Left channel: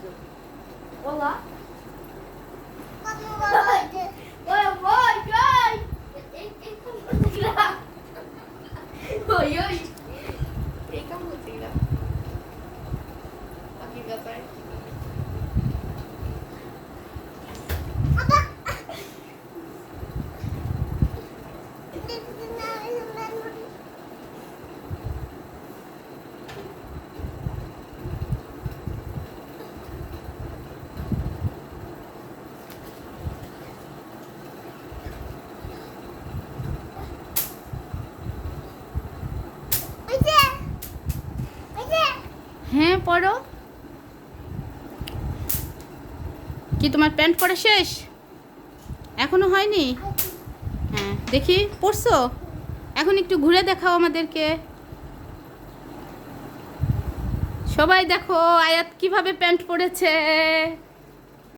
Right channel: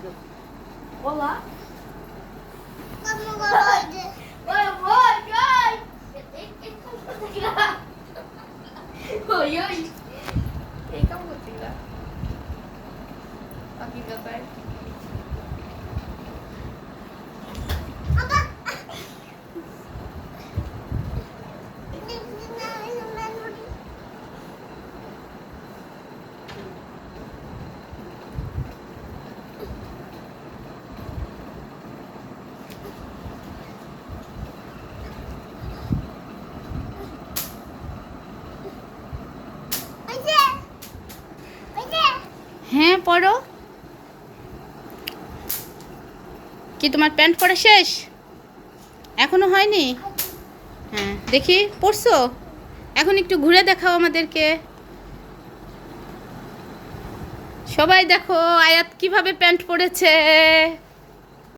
vídeo. Olá. Oi, oi. Ei, kamu tinggal. Pakai gambar. হ্যাঁ পড়ো। কি তোমার প্যান্ট পরা শেষ? এখনো হয়নি? হ্যাঁ দেখি পড়ছো? এখন একটু ঘুরে দেখাও আমাদেরকে। সবাই দেখো আয়াত কিভাবে প্যান্ট পরেছে।